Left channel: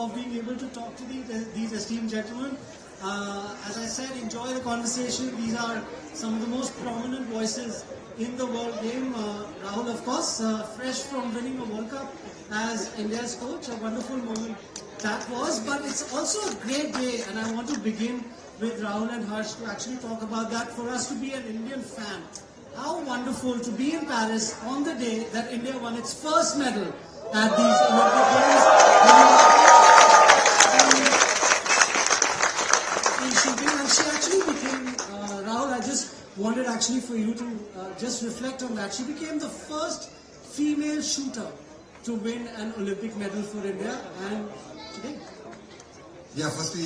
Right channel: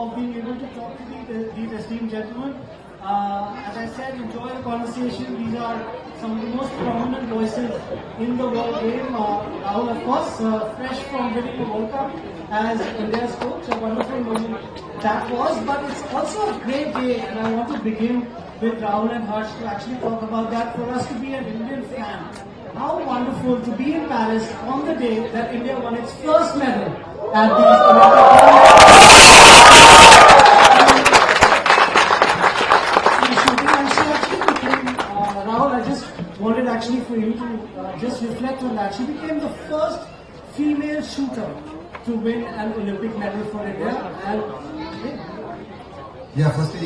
of being able to talk to these esteemed gentlemen. As I said, enjoy the conversation. These are some of the most prominent voices in the world game. Rahul, of course, fresh from winning the World Cup as India's coach. A wonderful moment that was. But it's also a great day, and I want to begin with Rahul and Harsh to actually talk about that. For us to be an Indian fan, how wonderful to be in Paris on the day that India won its first medal at these Olympic Games. Rahul, I just wanted actually for you to just reflect on that. She became the first female shooter to win an Olympic medal for India, and yeah, firstly,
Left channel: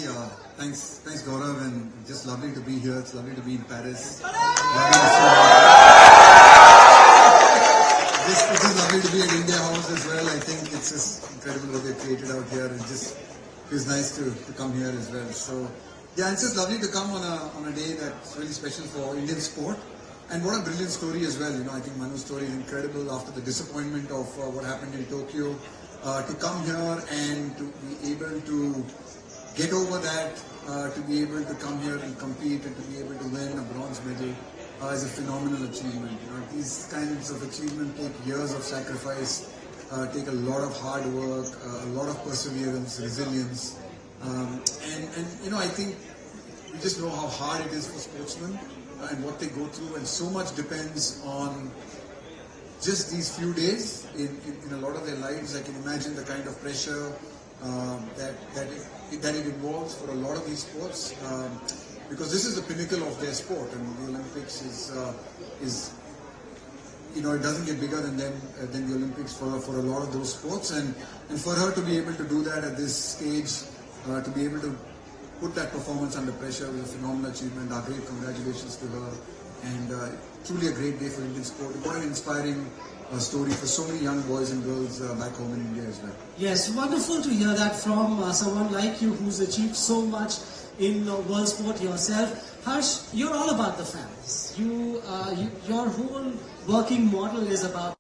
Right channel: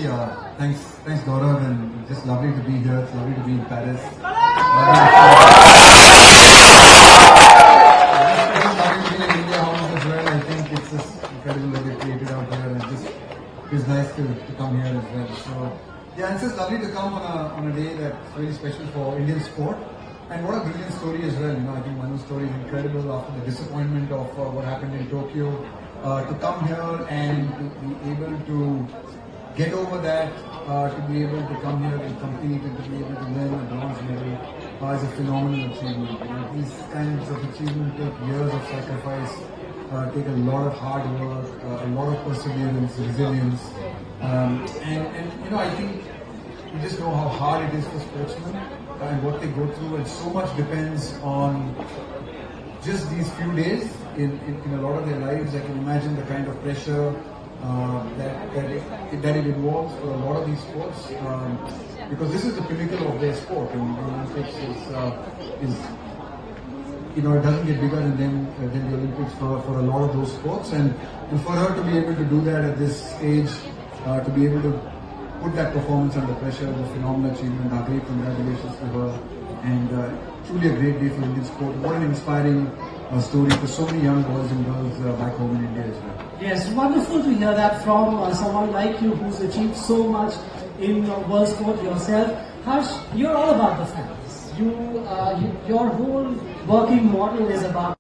thanks Gaurav, and just lovely to be here. It's lovely to be in Paris. It's just lovely to be in India House as well. I think it's just incredible what they've created out here, and it just feels nice to come here as well. So yeah, it's just lovely to come on a day that's really special for Indian sport. And what a brilliant story as well. I think Manu's story is incredible after the disappointment of what happened in Tokyo. To come here and to be able to get over that, to be able to come here and compete and to be able to win a bronze medal is a phenomenal achievement. These kinds of achievements take years of sacrifice, take a lot of hard work, a lot of perseverance, resilience. And I think we just know how hard it is for sportsmen and what they go through, and so much depends on just these few days in a lot of their lives. I can imagine the kind of pressure that it involves for a lot of these sports, because this is the pinnacle of their sport, and the Olympics is it doesn't get bigger than the Olympics for a lot of those sports, and for her to be able to do that at this stage, to be able to put that performance under pressure is a phenomenal achievement. Our great congratulations to her, and truly a great day for Indian sport. What an inspiring story for so many young boys and girls back home in India as well. Yes, wonderful to hear that from someone like you who's achieved so much in world sport yourself. Harsh, you're all about the fans. Your whole working model is about.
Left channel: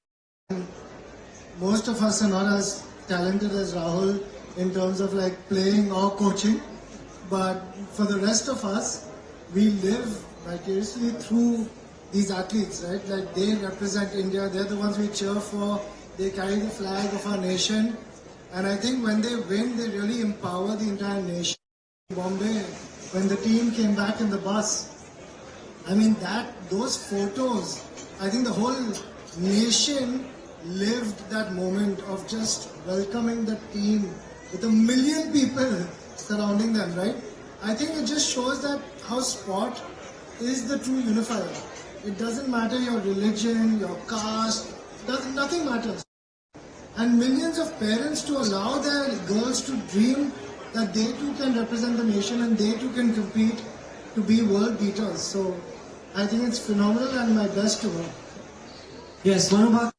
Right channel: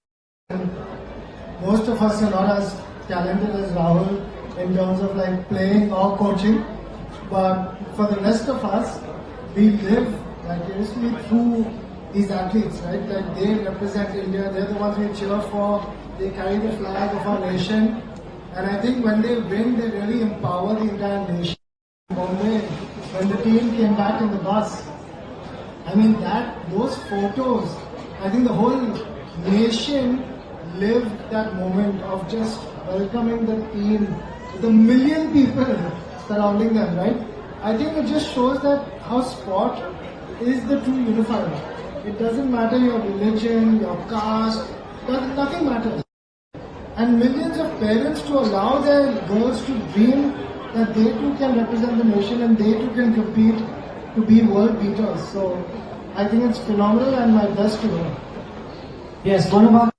Most of us are not as talented as Rahul in terms of like playing or coaching, but for the rest of us, we live vicariously through these athletes, right? Like they represent India, they're the ones we cheer for, they carry the flag of our nation, and I think when they win, they really empower the entire nation. Bombay, when the team came back in the bus, I mean those photos, I think the whole nation lived that moment of just welcoming the team with 1 million people surrounding them, right? I think it just shows that how sport is the true unifier. It doesn't matter your religion, your caste, nothing matters. And millions of parents to allow their girls to dream that they too can represent the nation and they too can compete to be world beaters. So I think it's phenomenal, and my best to her. Yes, Manubha,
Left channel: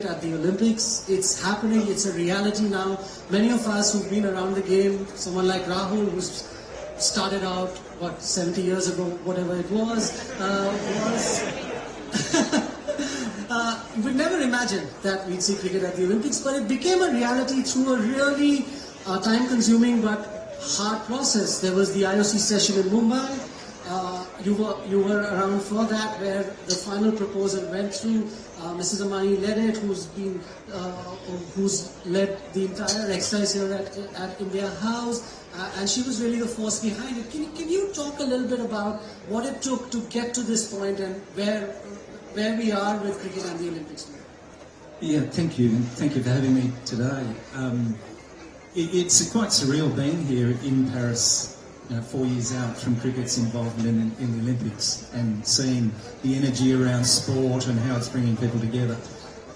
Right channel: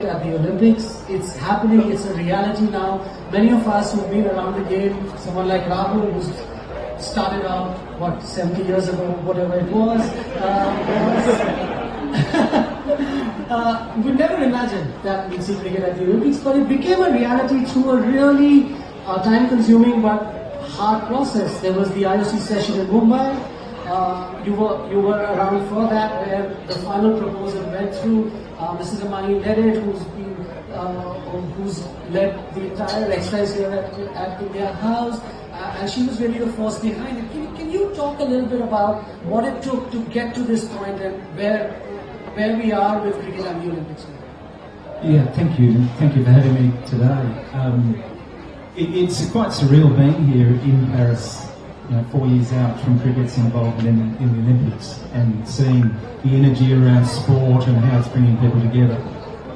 at the Olympics, it's happening, it's a reality now. Many of us who've been around the game, someone like Rahul who's started out, 70 years ago, whatever it was, we never imagined that we'd see cricket at the Olympics, but it became a reality through a really time-consuming but hard process. There was the IOC session in Mumbai. You were around for that, where the final proposal went through. Mrs. Amani led it, who's led the entire exercise here at India House, and she was really the force behind it. Can you talk a little bit about what it took to get to this point and where we are with cricket and the Olympics? Yeah, thank you for having me today. It's quite surreal being here in Paris, 4 years out from cricket's involvement in the Olympics, and seeing the energy around sport and how it's bringing people together.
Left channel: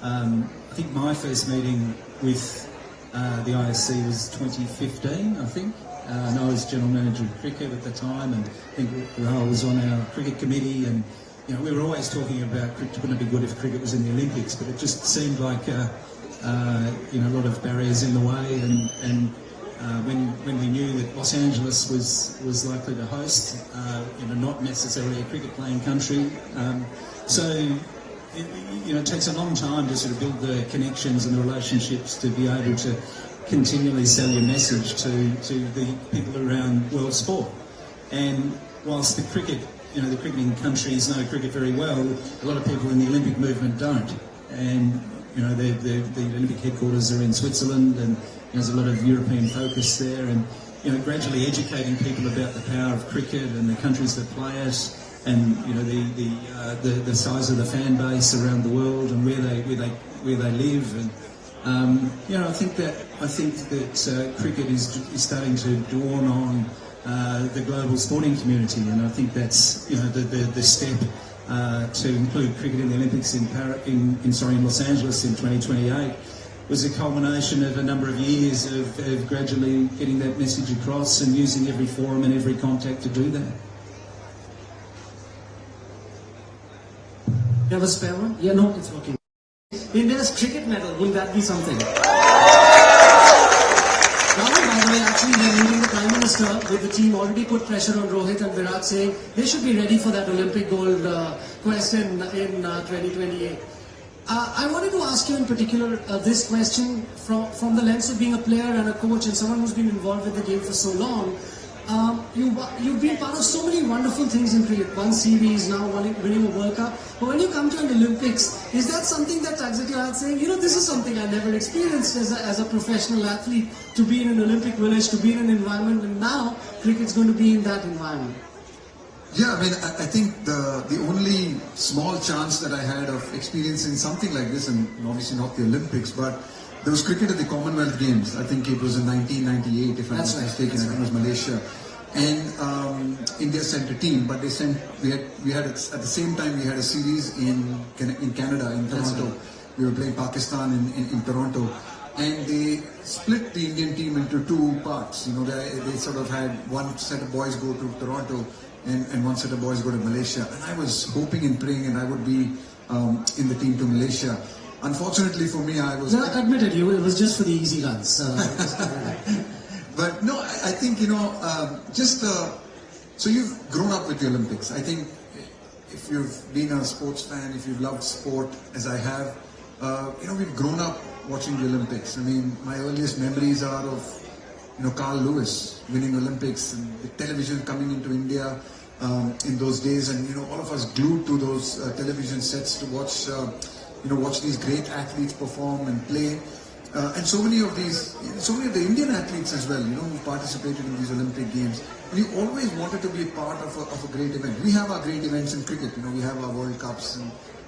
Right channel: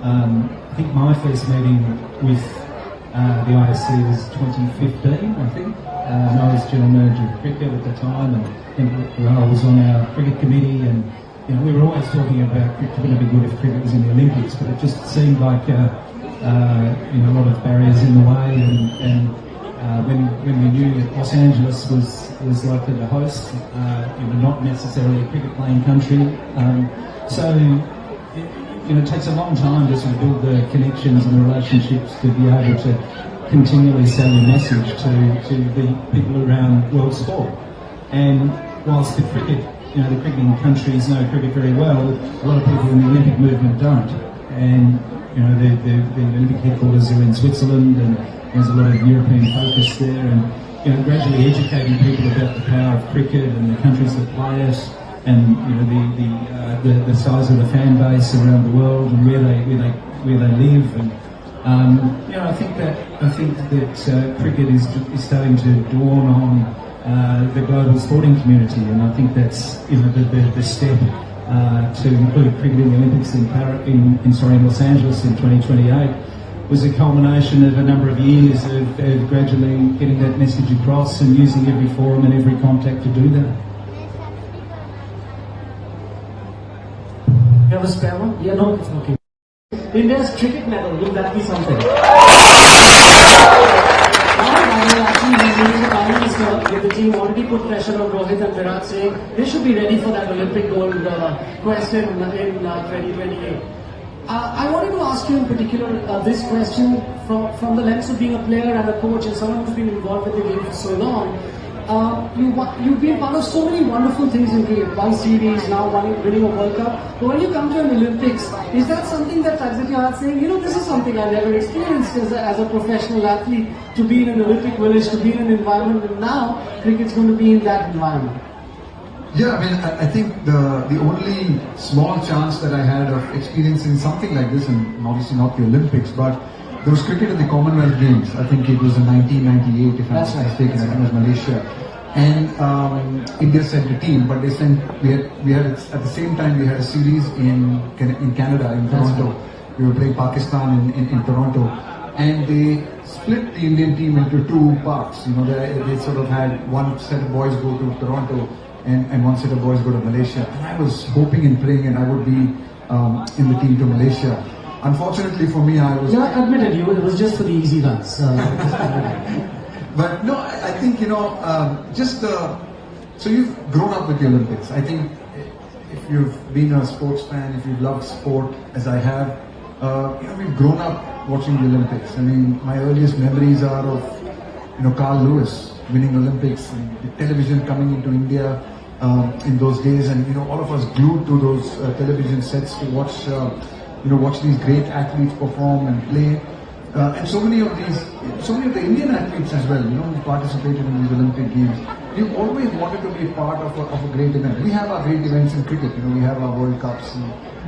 I think my first meeting with the IOC was 2015, I think. And I was General Manager of Cricket at the time, and I think Rahul was on our cricket committee, and we were always talking about cricket. Wouldn't it be good if cricket was in the Olympics? But it just seemed like a lot of barriers in the way, and when we knew that Los Angeles was likely to host, not necessarily a cricket-playing country, so it takes a long time to sort of build the connections and the relationships to be able to continually sell your message to the people around world sport. And whilst the cricket, the cricketing countries know cricket very well, a lot of people in the Olympic movement don't. And the Olympic headquarters are in Switzerland, and there's a lot of European focus there, and gradually educating people about the power of cricket and the countries that play it, and the size of the fan base around the world and where they live, and I think that cricket is starting to dawn on the global sporting community, and I think that's the step to include cricket in the Olympics in Los Angeles in 2028 was a culmination of a number of years of gradually getting that message across and using every forum and every contact to do that. You have a spare one? Yeah, no, it's okay. India's cricket medal, will that be something? Actually, the Prime Minister with the team already put pressure on Rohit and Virat, saying they should be ready for that Olympic gold quest in 2028. I wanted to ask you in particular this question from the lens of being a player and a coach and someone who's been involved with the game for so long. You've been part of so many wonderful things in cricket, one series, now winning a World Cup. But when you come to an Olympics, is that something that tugs at your heart, saying, this is something I never experienced as a professional athlete, to be in an Olympic village, to be in an environment, and now cricket's going to be in that environment? Yeah, I mean, I think the only small chance that I had of experiencing something like this, and obviously not the Olympics, but there was cricket at the Commonwealth Games. I think it was in 1998, if I'm not mistaken. I think it was Malaysia. And India sent a team, but they sent, we had at the same time we had a series in Canada, in Toronto. We were playing Pakistan in Toronto. And they split the Indian team into two parts. They sort of had one set of boys go to Toronto and one set of boys go to Malaysia. And I was hoping and praying and I would be in the team to Malaysia. Unfortunately for me, I was... Yeah, admitted, it was just for the easy runs. But no, I think, so you've grown up with the Olympics. I think if you've been a sports fan, if you've loved sport as I have, we've grown up watching the Olympics. I mean, my earliest memories are of, Carl Lewis winning Olympics, and the television coming into India in those days, and, all of us glued to those television sets to watch these great athletes perform and play. And so many of the Indian athletes as well, who participated in these Olympic Games. You always wanted to be part of a great event. We have our great events in cricket, we have our World Cups,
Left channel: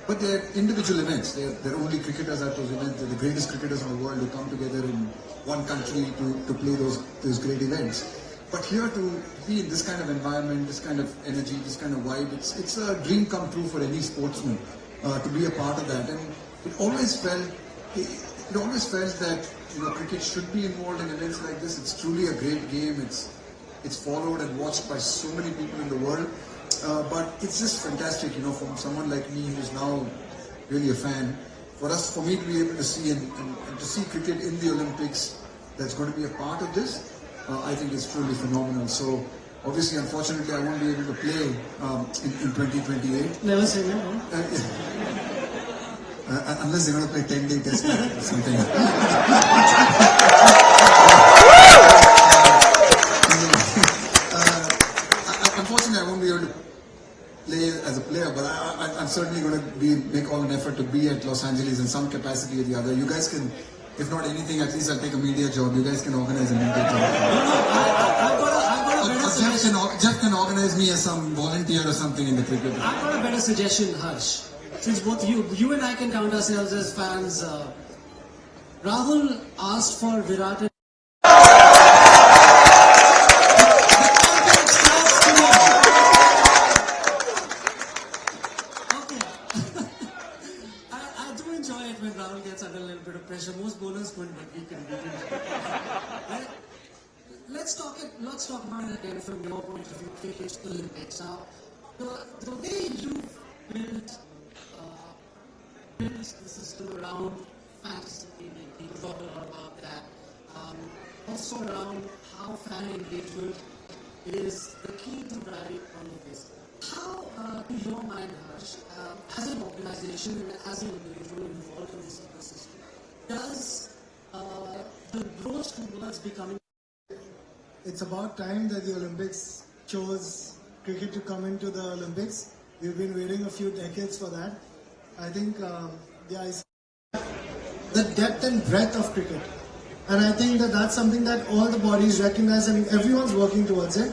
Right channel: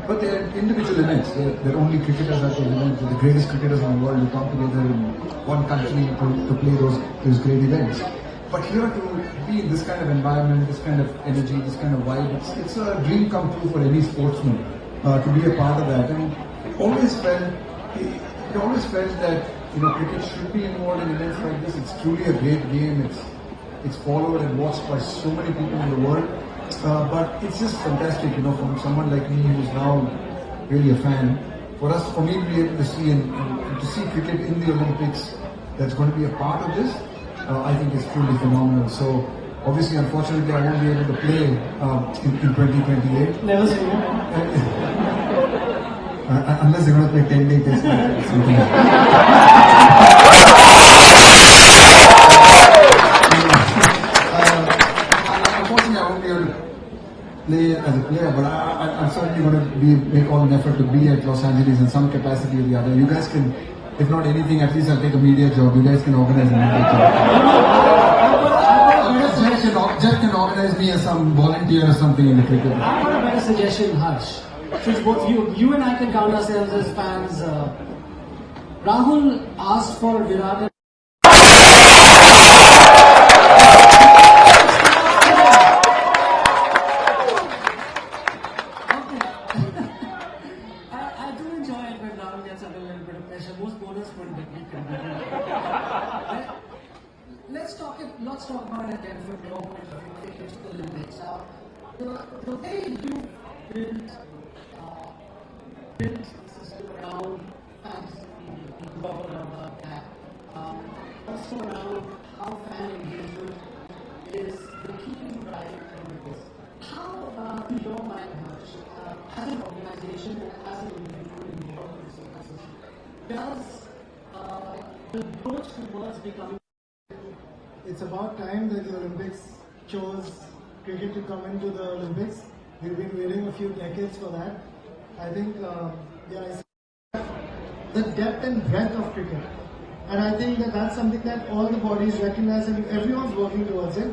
but they're individual events. They're only cricketers at those events. They're the greatest cricketers in the world who come together in one country to play those great events. But here to be in this kind of environment, this kind of energy, this kind of vibe, it's a dream come true for any sportsman to be a part of that. And it always felt that cricket should be involved in events like this. It's truly a great game. It's followed and watched by so many people in the world. But it's just fantastic, from someone like me who's now really a fan, for me to be able to see and to see cricket in the Olympics that's going to be a part of this, I think is truly phenomenal. So obviously, unfortunately, I won't be able to play in 2028. Never seen it. Unless they're going to play 10-day test match or something. Unfortunately, I won't be able to play as a player, but I'm certainly going to make all an effort to be at Los Angeles in some capacity or the other. You guys can, if not anything, at least I'll take a media job. You guys can organize a media job. Jeff can organize me as some volunteer or something in the cricket. I've got a better suggestion, Harsh. Since both you and I can count ourselves as fans, Rahul asked for Virat and I do enjoy it when Rahul gets under a little bit of pressure. Most bowlers wouldn't, but we can. Let's talk about it again from your point of view, cricket Olympics. The way you built the system around fantasy, you talk about that. Also around how fan engagement is the key to driving all of this. How, in your mind, Harsh, as an organization and as an individual involved in this ecosystem, does the those two words becoming It's about time that the Olympics chose cricket to come into the Olympics. We've been waiting a few decades for that. I think the depth and breadth of cricket. And I think that that's something that all the bodies recognize and everyone's working towards it.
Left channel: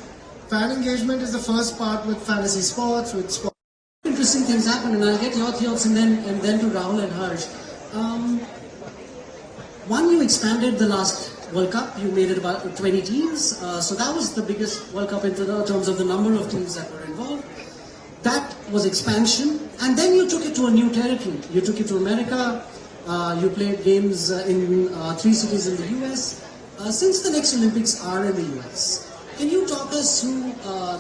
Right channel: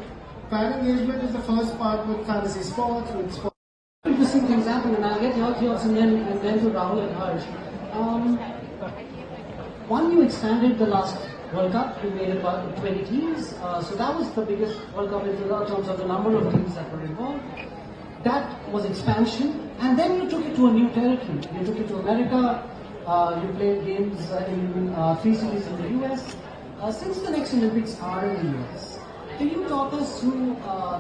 Fan engagement is the first part with fantasy sports, with sports. interesting things happen, and I'll get your thoughts and then to Rahul and Harsh. One, you expanded the last World Cup. You made it about 20 teams, so that was the biggest World Cup in terms of the number of teams that were involved. That was expansion, and then you took it to a new territory. You took it to America. You played games in 3 cities in the US. Since the next Olympics are in the US, can you talk us through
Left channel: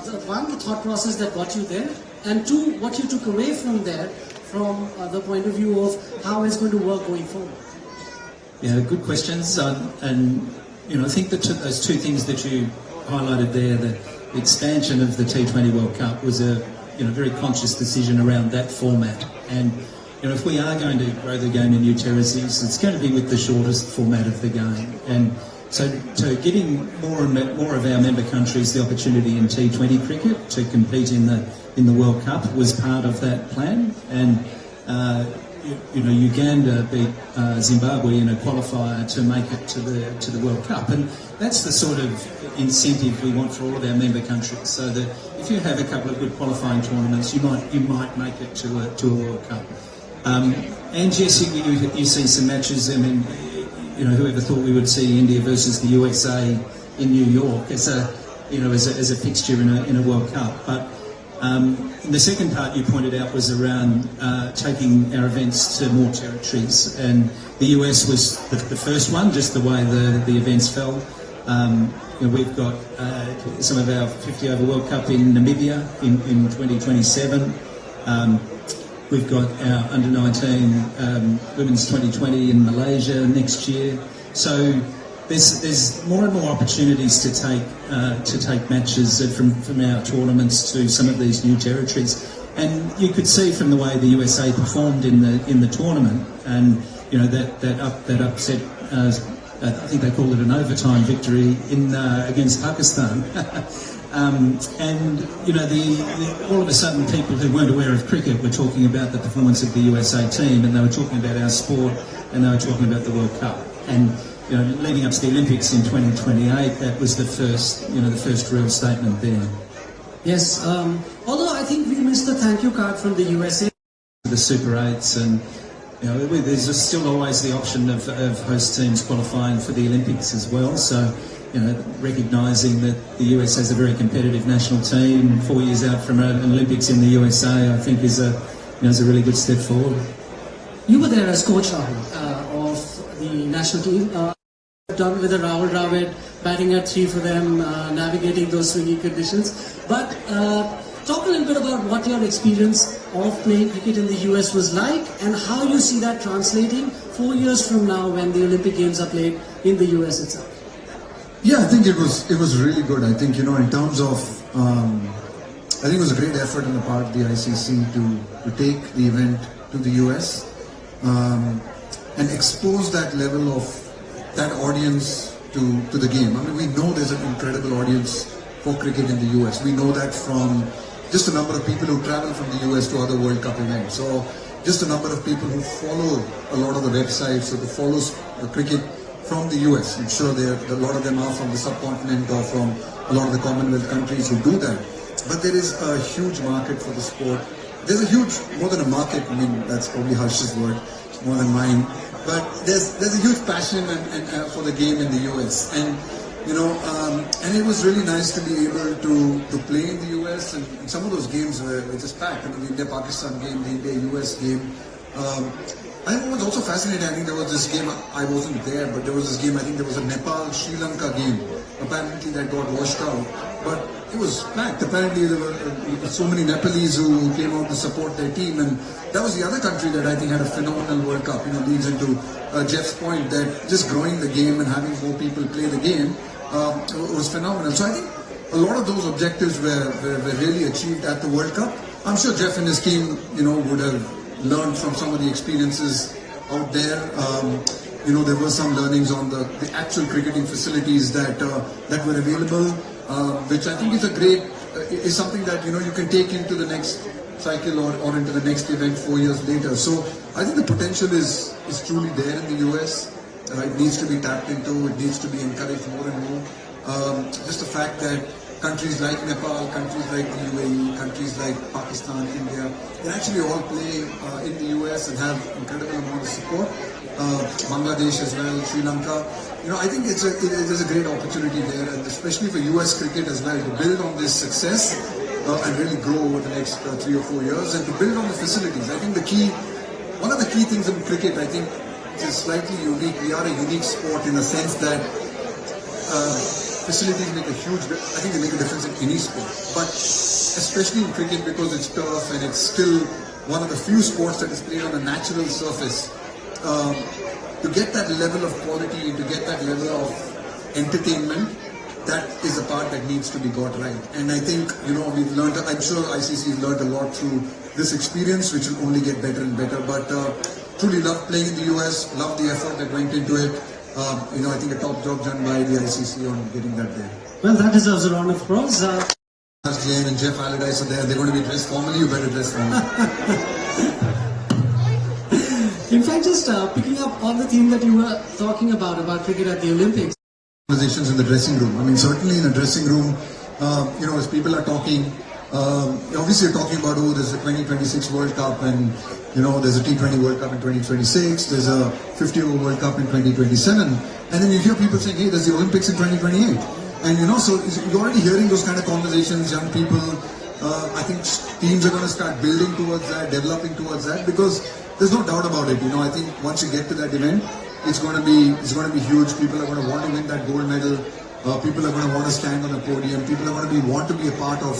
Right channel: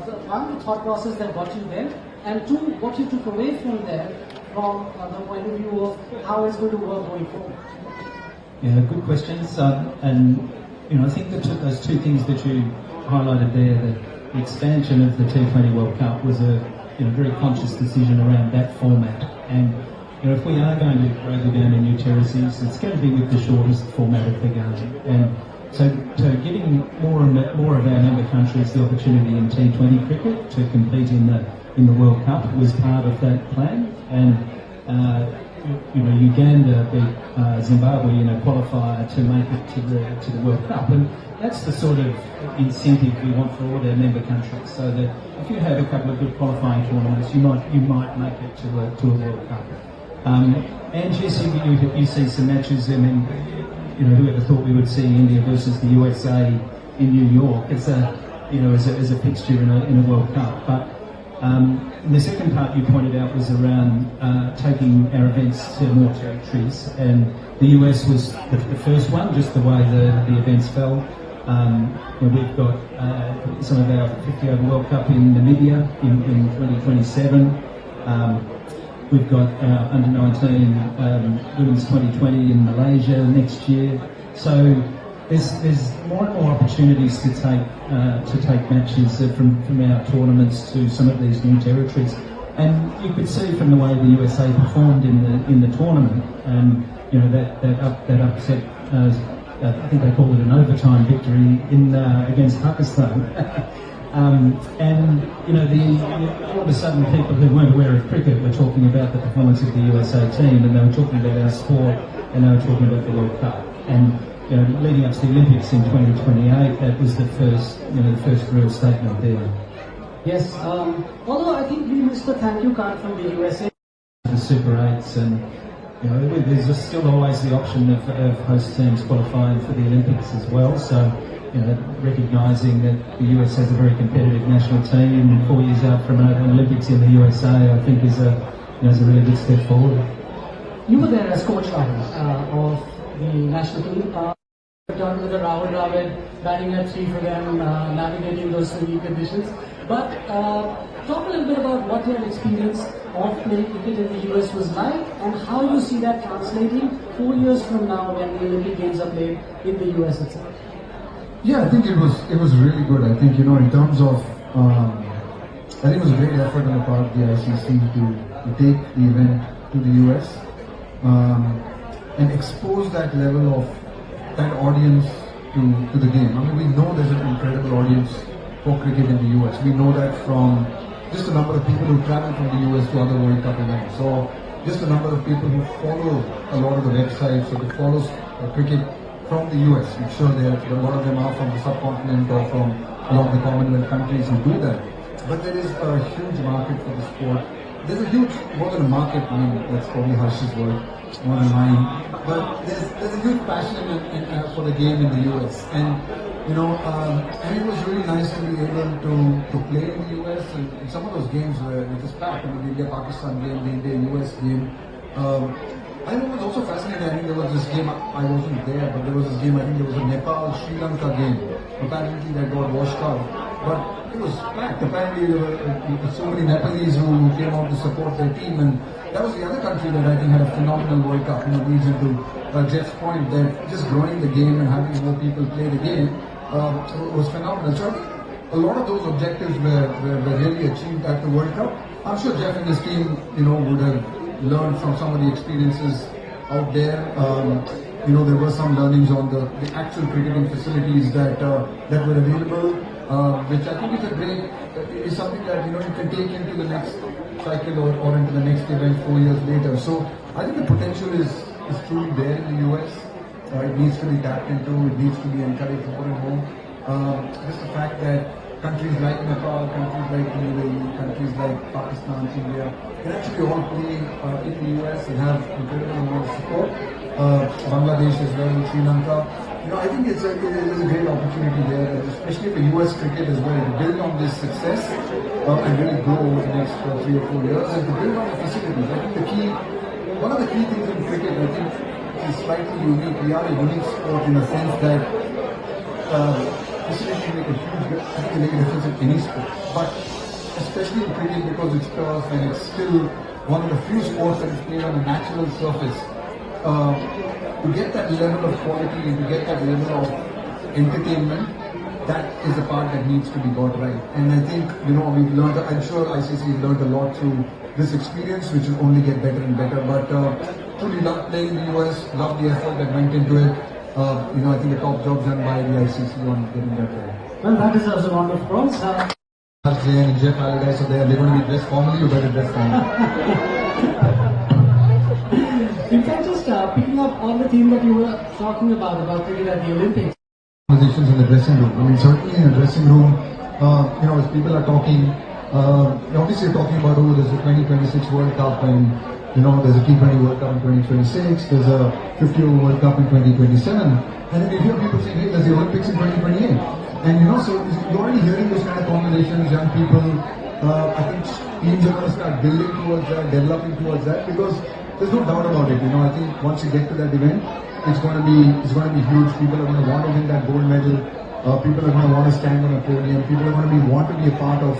the thought process that got you there, and two, what you took away from there from the point of view of how it's going to work going forward? Yeah, good questions. And I think that those two things that you highlighted there, the expansion of the T20 World Cup was a very conscious decision around that format. And if we are going to grow the game in new territories, it's going to be with the shortest format of the game. And so getting more of our member countries the opportunity in T20 cricket to compete in the World Cup was part of that plan. And Uganda beat Zimbabwe in a qualifier to make it to the World Cup, and that's the sort of incentive we want for all of our member countries. So that if you have a couple of good qualifying tournaments, you might make it to a World Cup. And yes, you see some matches. I mean, whoever thought we would see India versus the USA in New York as a fixture in a World Cup, but. The second part you pointed out was around taking our events to more territories, and the US was the first one, just the way the events fell. We've got some of our 50 over World Cup in Namibia in 2027. We've got our under-19 Women's 2020 in Malaysia next year. So there's more and more opportunities to take matches from our tournaments to some of these new territories, and you could see from the way the USA performed in the tournament, and that upset. I think they called it an overtime victory against Pakistan. And all of a sudden, people who weren't aware of cricket were talking about the performance of the USA team, and they were talking about our sport, and they were talking about the World Cup. And leading up to the Olympics in 2028, that was the first real statement there. Yes, although I think we missed the thank you card from the USA. The Super 8s, and there's just still always the option of host teams qualifying for the Olympics as well. So, recognising that the US has a very competitive national team 4 years out from an Olympics in the USA, I think is a really good step forward. You were there as coach, Rahul, of the national team. Done with the Rahul Dravid, batting at 3 for them, navigating those swinging conditions. But talk a little bit about what your experience of playing cricket in the US was like, and how you see that translating 4 years from now when the Olympic Games are played in the US itself. Yeah, I think it was really good. I think in terms of I think it was a great effort on the part of the ICC to take the event to the US and expose that level of that audience to the game. I mean, we know there's an incredible audience for cricket in the US. We know that from just a number of people who travel from the US to other World Cup events. So just a number of people who follow a lot of the websites or who follow cricket from the US. I'm sure a lot of them are from the subcontinent or from a lot of the Commonwealth countries who do that. But there is a huge market for the sport. There's a huge, more than a market, I mean, that's probably Harsh's word, more than mine. But there's a huge passion for the game in the US, and and it was really nice to be able to play in the US, and some of those games were just packed. I mean, the India-Pakistan game, the India-US game. I was also fascinated. I think there was this game, I wasn't there, but there was this game, I think there was a Nepal-Sri Lanka game. Apparently that got washed out, but it was packed. Apparently there were so many Nepalese who came out to support their team, and that was the other country that I think had a phenomenal World Cup. Leads into Jeff's point that just growing the game and having more people play the game was phenomenal. So I think a lot of those objectives were really achieved at the World Cup. I'm sure Jeff and his team, would have learned from some of the experiences out there. there were some learnings on the actual cricketing facilities that were available, which I think is something that you can take into the next cycle or into the next event 4 years later. So I think the potential is truly there in the US. It needs to be tapped into. It needs to be encouraged more and more. Just the fact that countries like Nepal, countries like the UAE, countries like Pakistan, India, they actually all play in the US and have incredible amount of support. Bangladesh as well, Sri Lanka. I think there's a great opportunity there, and especially for US cricket as well, to build on this success and really grow over the next 3 or 4 years, and to build on the facilities. I think one of the key things in cricket, I think, is slightly unique. We are a unique sport in the sense that facilities make a huge, I think they make a difference in any sport, but especially in cricket because it's tough and it's still one of the few sports that is played on a natural surface. To get that level of quality and to get that level of entertainment, that is the part that needs to be got right. And I think, we've learned, I'm sure ICC has learned a lot through this experience, which will only get better and better. But truly love playing in the US, love the effort that went into it. I think a top job done by the ICC on getting that there. Well, that deserves a round of applause. Jane and Jeff Allardyce are there. They're going to be dressed formally. You better dress formally. In fact, just picking up on the theme that you were talking about cricket at the Olympics. Conversations in the dressing room. I mean, certainly in a dressing room, as people are talking, obviously you're talking about, there's a 2026 World Cup and, there's a T20 World Cup in 2026, there's a 50-over World Cup in 2027, and then you hear people saying, hey, there's the Olympics in 2028. And, so you're already hearing those kind of conversations, young people. I think teams are going to start building towards that, developing towards that, because there's no doubt about it. I think once you get to that event, it's going to be huge. People are going to want to win that gold medal. People are going to want to stand on a podium. People are going to want to be a part of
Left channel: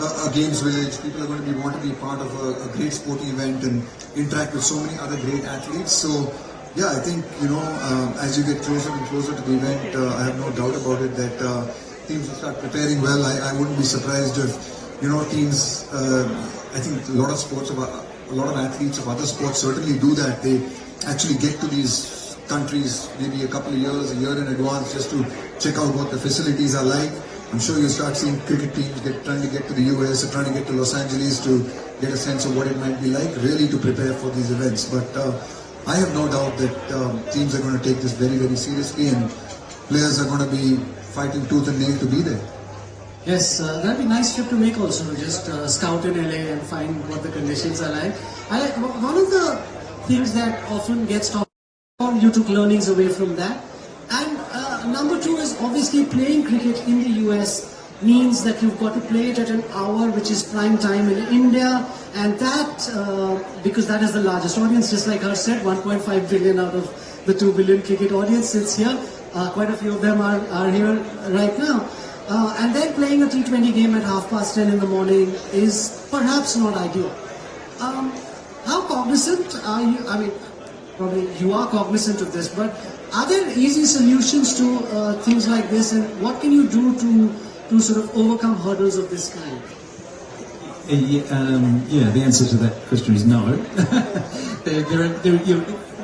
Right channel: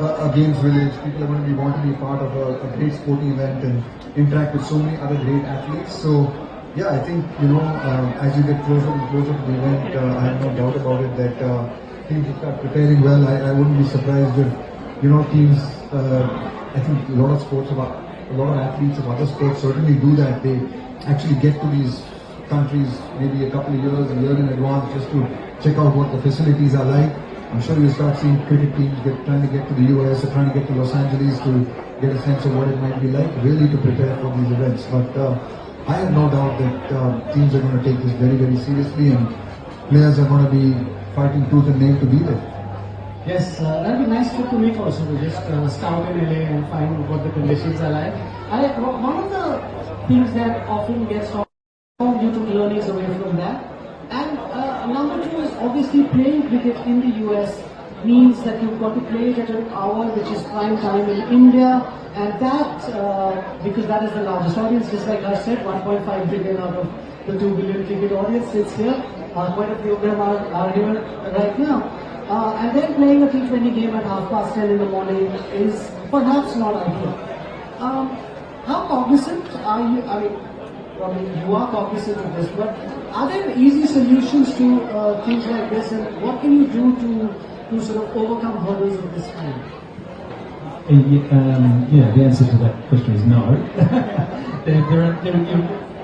a games village. People are going to want to be a part of a great sporting event and interact with so many other great athletes. So yeah, I think as you get closer and closer to the event, I have no doubt about it that teams will start preparing well. I wouldn't be surprised if teams. I think a lot of athletes of other sports certainly do that. They actually get to these countries maybe a couple of years, a year in advance, just to check out what the facilities are like. I'm sure you start seeing cricket teams trying to get to the US or trying to get to Los Angeles to get a sense of what it might be like, really to prepare for these events. But I have no doubt that teams are going to take this very, very seriously, and players are going to be fighting tooth and nail to be there. Yes, that'd be a nice trip to make also, to just scout in LA and find what the conditions are like. One of the things that often gets talked about, you took learnings away from that. And number two is obviously playing cricket in the US means that you've got to play it at an hour which is prime time in India, and that, because that is the largest audience, just like Harsh said, 1.5 billion out of the 2 billion cricket audience sits here. Quite a few of them are here right now. And then playing a T20 game at 10:30 in the morning is perhaps not ideal. How cognizant are you? I mean, probably you are cognizant of this, but are there easy solutions to things like this, and what can you do to sort of overcome hurdles of this kind? Yeah, the answer to that question is no.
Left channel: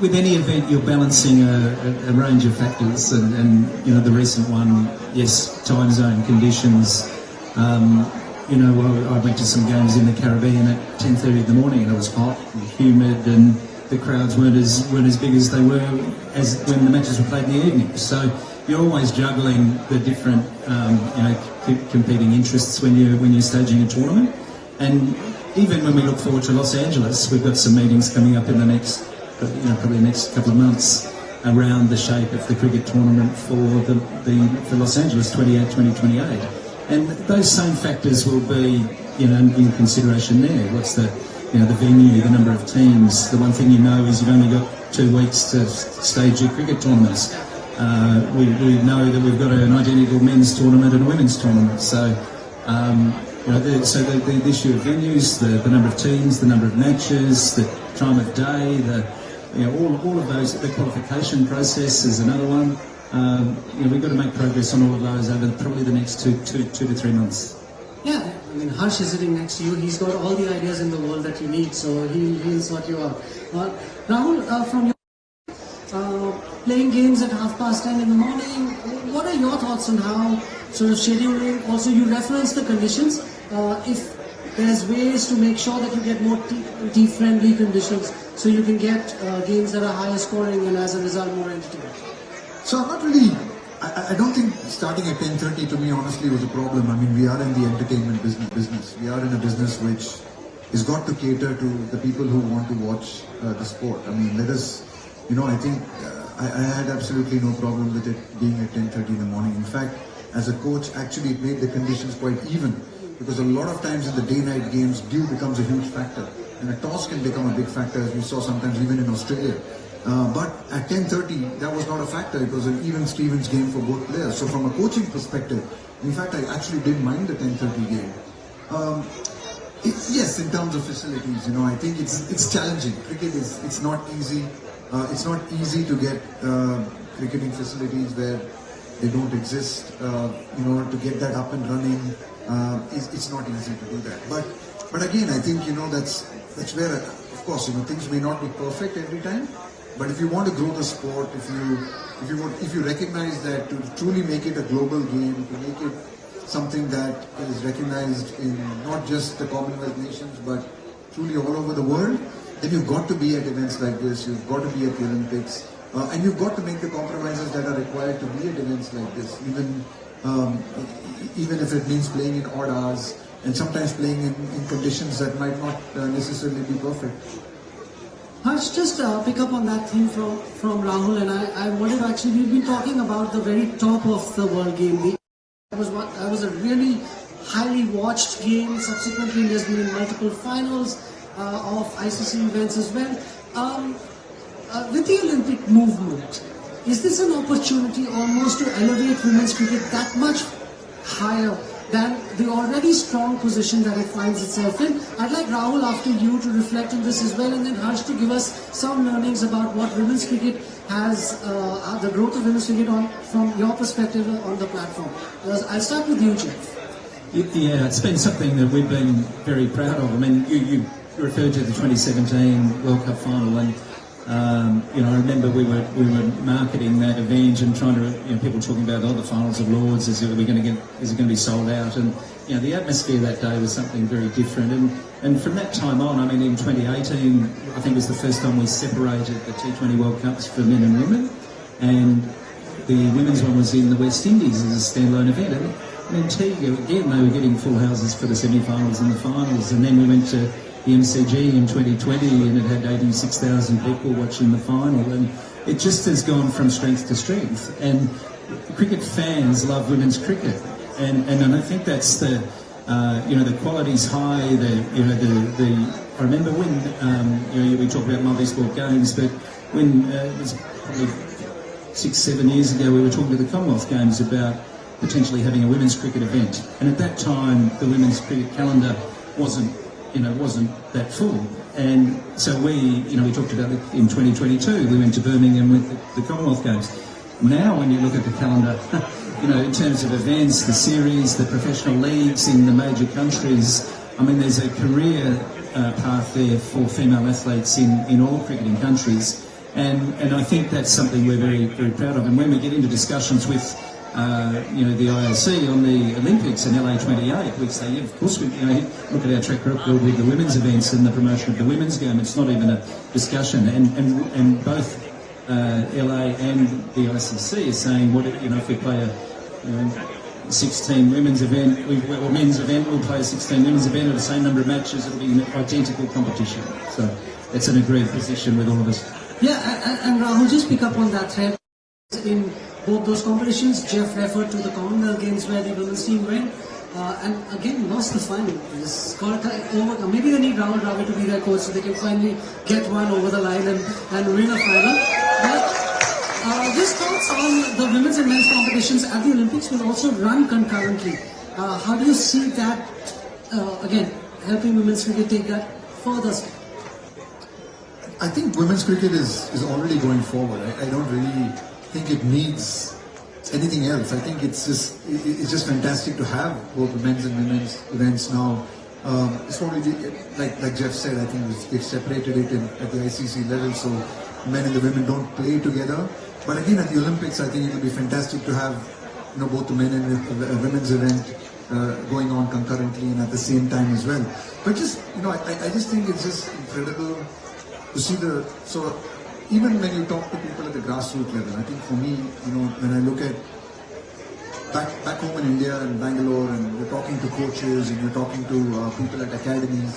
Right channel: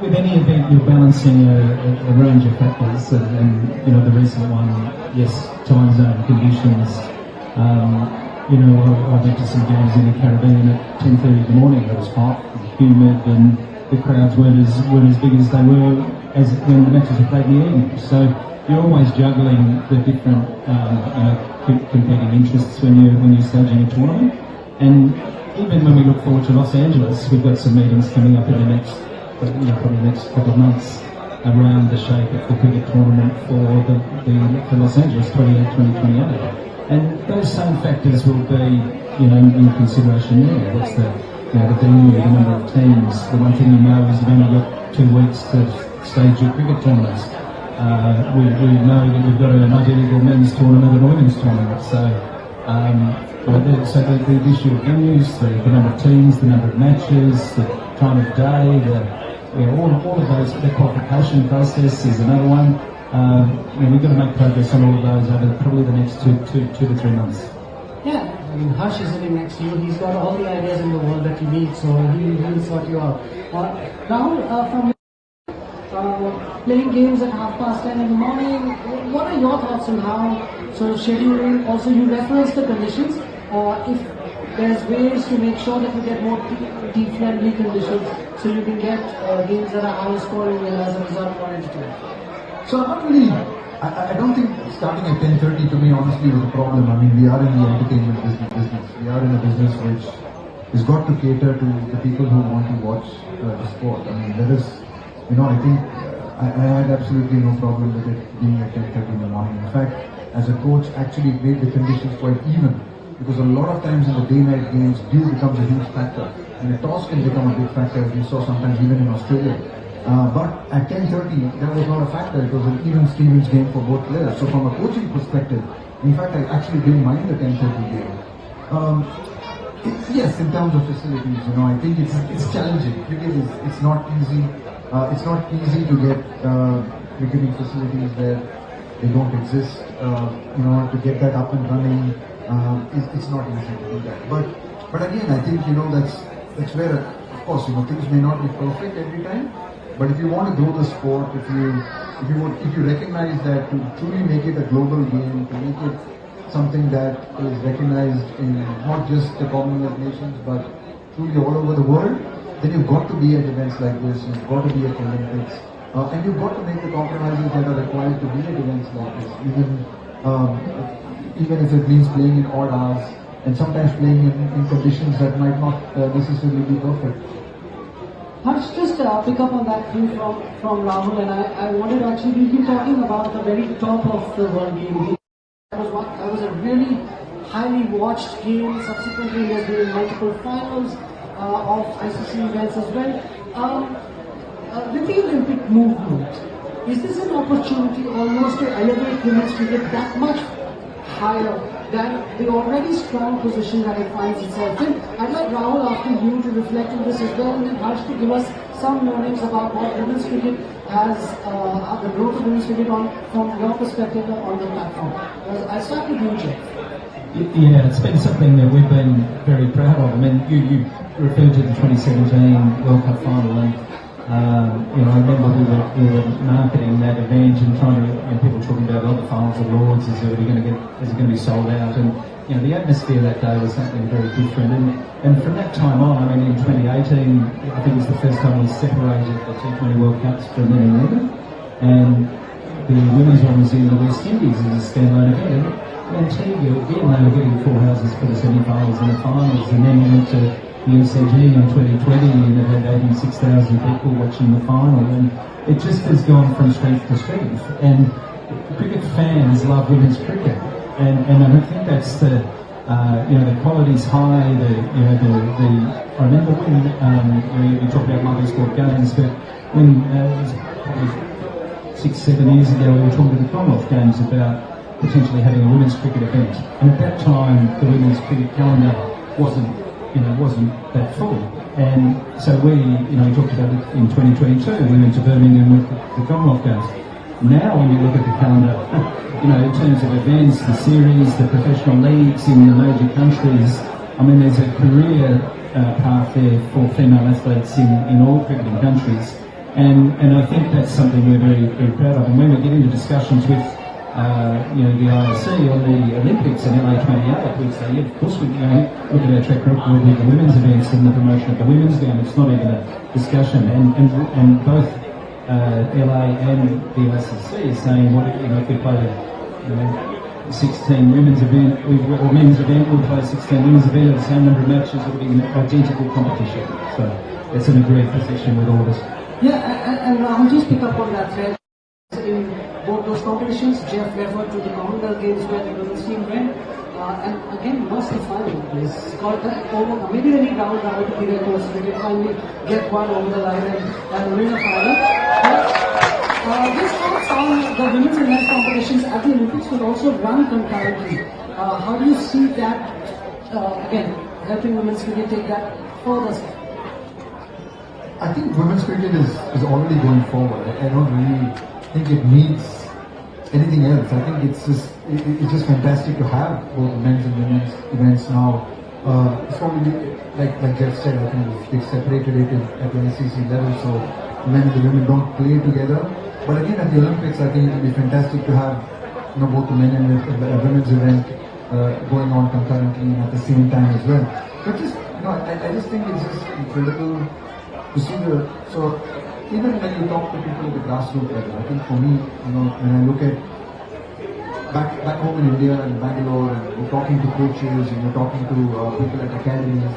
With any event, you're balancing a range of factors, and the recent one, yes, time zone conditions. I went to some games in the Caribbean at 10:30 in the morning, and it was hot and humid, and the crowds weren't as big as they were as when the matches were played in the evening. So you're always juggling the different competing interests when you're staging a tournament. And even when we look forward to Los Angeles, we've got some meetings coming up in the next, probably the next couple of months around the shape of the cricket tournament for Los Angeles 2028. And those same factors will be, in consideration there. What's the venue, the number of teams. The one thing you know is you've only got 2 weeks to stage your cricket tournaments. We know that we've got an identical men's tournament and a women's tournament. So, the issue of venues, the number of teams, the number of matches, the time of day, all of those, the qualification process is another one. We've got to make progress on all of those over probably the next two to 3 months. Yeah, I mean, Harsh is sitting next to you. He's got all the ideas in the world that you need, so he'll sort you out. Rahul, from playing games at 10:30 in the morning. What are your thoughts on how sort of scheduling? Also, you reference the conditions. If there's ways to make sure that you get more tea-friendly conditions, so you can get games that are higher scoring and as a result more entertaining. So I'm not really. I don't think starting at 10:30 to me honestly was a problem. I mean, we are in the entertainment business. We are in a business which has got to cater to the people who want to watch the sport. I mean, let us, I think I had absolutely no problem with it being at 10:30 in the morning. In fact, as a coach, actually it made the conditions quite even, because a lot of times in the day-night games, dew becomes a huge factor, and a toss can become a big factor, as we saw sometimes even in Australia. But at 10:30, that was not a factor. It was an even Stevens game for both players. So from a coaching perspective, in fact, I actually didn't mind the 10:30 game. Yes, in terms of facilities, I think it's challenging. Cricket it's not easy. It's not easy to get cricketing facilities where they don't exist. To get that up and running, it's not easy to do that. But again, I think that's where, of course, things may not be perfect every time. But if you want to grow the sport, if you recognize that to truly make it a global game, to make it something that is recognized in not just the Commonwealth nations, but truly all over the world, then you've got to be at events like this. You've got to be at the Olympics, and you've got to make the compromises that are required to be at events like this. Even if it means playing in odd hours and sometimes playing in conditions that might not necessarily be perfect. Harsh, just pick up on that thing from Rahul, and I wanted to actually, we've been talking about the very top of the world game. That was a really highly watched game. Subsequently, there's been multiple finals of ICC events as well. With the Olympic movement, is this an opportunity almost to elevate women's cricket that much higher than the already strong position that it finds itself in? I'd like Rahul, after you, to reflect on this as well, and then Harsh to give us some learnings about what women's cricket has, the growth of women's cricket from your perspective on the platform. I'll start with you, Jeff. Yeah, it's been something that we've been very proud of. I mean, you referred to the 2017 World Cup final, and I remember we were marketing that event and trying to, people talking about the finals of Lords, is it going to be sold out? And the atmosphere that day was something very different. And from that time on, I mean, in 2018, I think it was the first time we separated the T20 World Cups for men and women, and the women's one was in the West Indies as a standalone event. And again, they were getting full houses for the semi-finals and the finals, and then we went to the MCG in 2020 and it had 86,000 people watching the final, and it just has gone from strength to strength. And cricket fans love women's cricket, and I think that's the quality's high. I remember when we talked about multi-sport games, but when it was probably 6-7 years ago, we were talking to the Commonwealth Games about potentially having a women's cricket event, and at that time the women's cricket calendar wasn't that full, and so we talked about it in 2022. We went to Birmingham with the Commonwealth Games. Now, when you look at the calendar, in terms of events, the series, the professional leagues in the major countries, I mean, there's a career path there for female athletes in all cricketing countries, and I think that's something we're very, very proud of. And when we get into discussions with the IOC on the Olympics in LA 28, we say, yeah, of course, we look at our track record with the women's events and the promotion of the women's game. It's not even a discussion. And both LA and the ICC are saying, if we play a 16 women's event or men's event, we'll play a 16 women's event at the same number of matches. It'll be an identical competition. So it's an agreed position with all of us. Yeah, and Rahul, just pick up on that thread. In both those competitions, Jeff referred to the Commonwealth Games where the women's team went, and again lost the final. This got over. Maybe they need Rahul Dravid to be their coach so they can finally get one over the line and win a final. But these thoughts on the women's and men's competitions at the Olympics will also run concurrently. How do you see that, again, helping women's cricket take that further? I think women's cricket is already going forward. I don't really think it needs anything else. I think it's just fantastic to have both men's and women's events now. It's probably like Jeff said. I think they've separated it at the ICC level, so men and the women don't play together. But again, at the Olympics, I think it will be fantastic to have both the men and the women's event going on concurrently and at the same time as well. But just I just think it's just incredible to see so even when you talk to people at the grassroots level, I think for me, when I look at back home in India and Bangalore, and you're talking to coaches and you're talking to people at academies,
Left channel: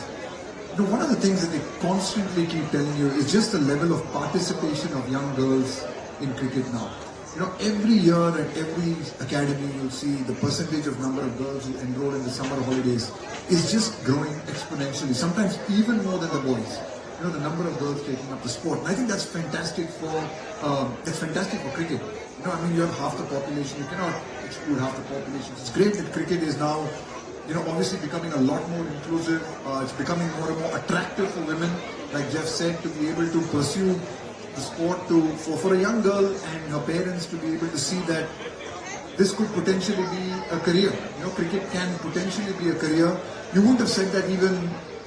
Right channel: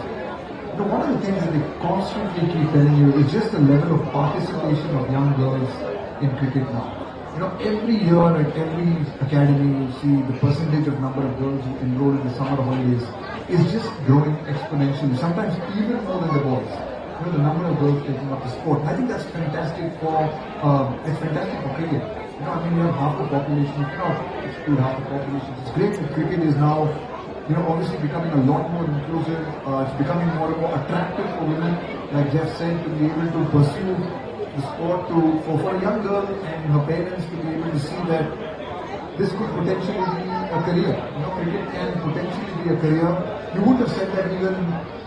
one of the things that they constantly keep telling you is just the level of participation of young girls in cricket now. Every year at every academy, you see the percentage of number of girls who enroll in the summer holidays is just growing exponentially, sometimes even more than the boys. The number of girls taking up the sport. And I think that's fantastic for cricket. You have half the population, you cannot exclude half the population. It's great that cricket is now, obviously becoming a lot more inclusive. It's becoming more and more attractive for women, like Jeff said, to be able to pursue the sport for a young girl and her parents to be able to see that this could potentially be a career. Cricket can potentially be a career. You wouldn't have said that even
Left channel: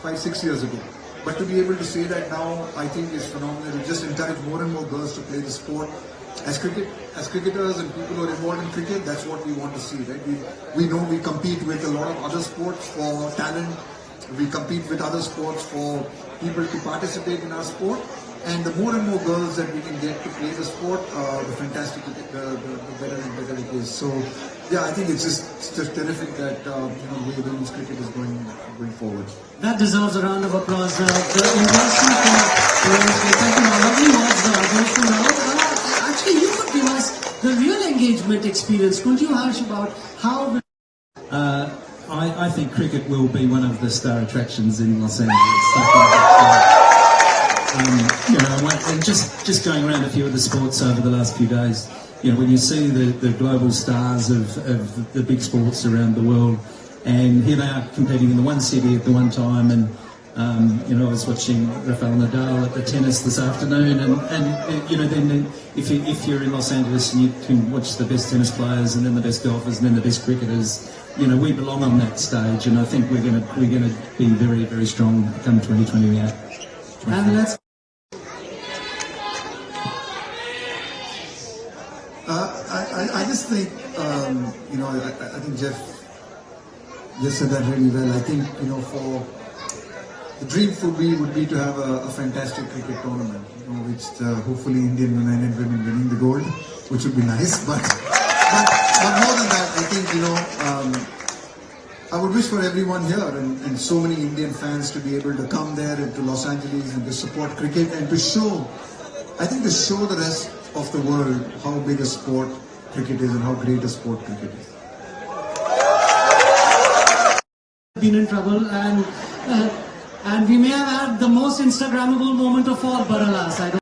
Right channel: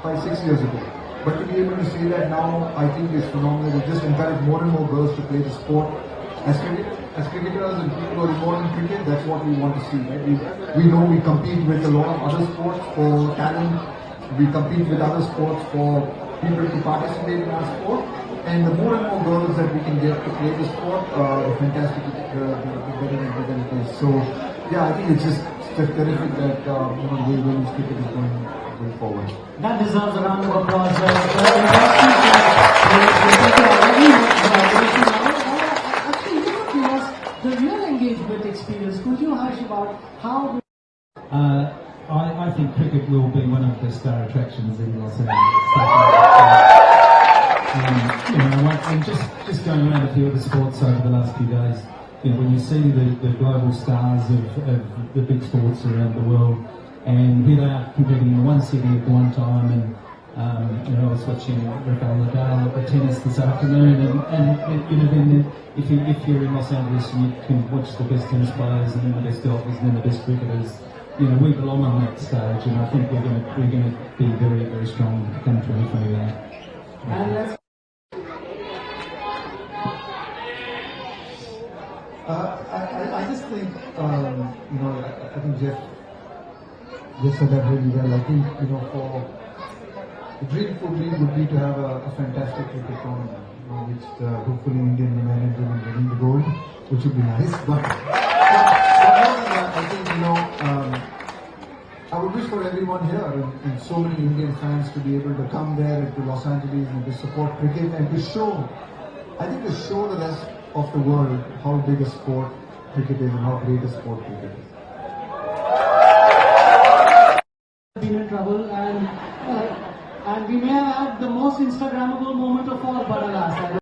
5-6 years ago. But to be able to say that now, I think is phenomenal. It just encourage more and more girls to play the sport. As cricketers and people who are involved in cricket, that's what we want to see, right? We know we compete with a lot of other sports for talent. We compete with other sports for people to participate in our sport. And the more and more girls that we can get to play the sport, the fantastic, the better and better it is. So, yeah, I think it's just terrific that the way women's cricket is going forward. That deserves a round of applause. The industry actually, you could give us the real engagement experience. Could you, Harsh, about how? I think cricket will be one of the star attractions in Los Angeles. And just going around a few of the sports over the last few days, when you see the global stars of the big sports around the world, and here they are competing in the one city at the one time, and I was watching Rafael Nadal at the tennis this afternoon, and then if you're in Los Angeles and you can watch the best tennis players and then the best golfers and then the best cricketers, we belong on that stage, and I think we're going to be very, very strong come 2028. And let's. I just think, I think Jeff just said that really well. I think, for the dream would be to have a fantastic cricket tournament, which hopefully Indian men and women winning the gold, which would be nice. But more than that, I think, I would wish for everyone here and so many Indian fans to be able to come there to Los Angeles and to support cricket and to show the rest of the world how big a sport cricket is and how great a sport cricket is. Been in trouble, and we may have had the most Instagrammable moment of all, but alas,